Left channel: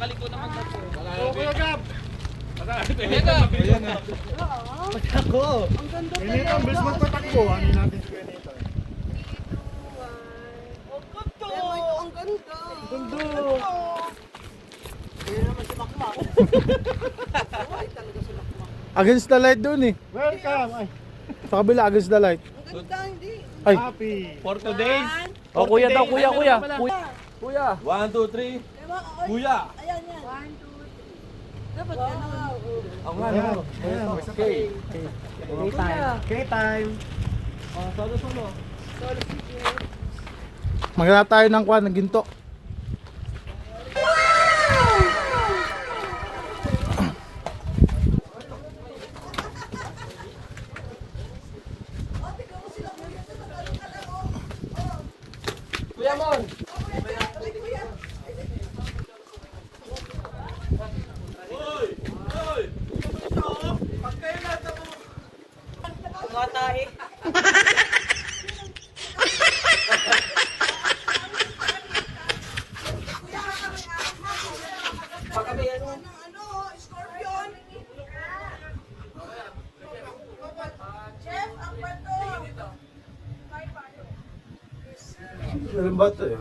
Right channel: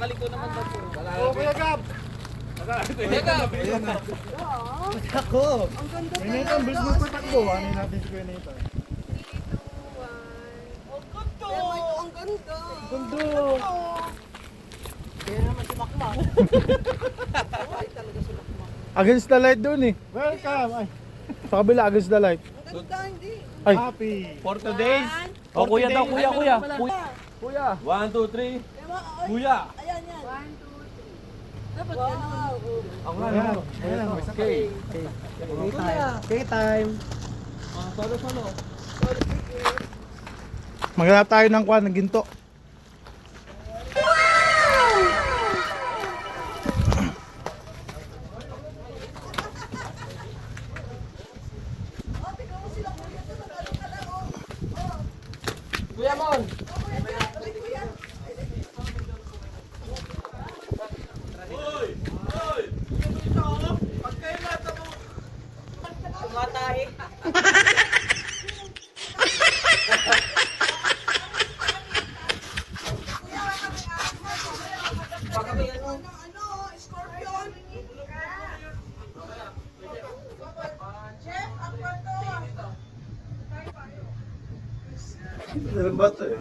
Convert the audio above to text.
Nakaliko naman ba po? Oh, Kuya Gab. Kuya Gab. Ayan na. Patakbo. Ang ganda Kuya Nathan, bilis magpatakbo. Ano natin si Kuya Nathan? Ang ganda. Gundo. Kaya naman si Makmak. Ay, talaga si Makmak. Against the light doon eh. Welcome. Ay, Sa kabila, against the light. Ang ganda, hindi. Ay. happy. For today's. Oh, kuya daw, kuya, kuya. Kuya. Kuya. 1, 2, 3. Kuya. Ayan yan. 1, 2, 3. Dapat ganun. Ako nga, Ayan. ano. Ayan. Okay. K-time. Maghanap tayo ng kwan, ng ginto. Kuya Mon. Ilang bato eh.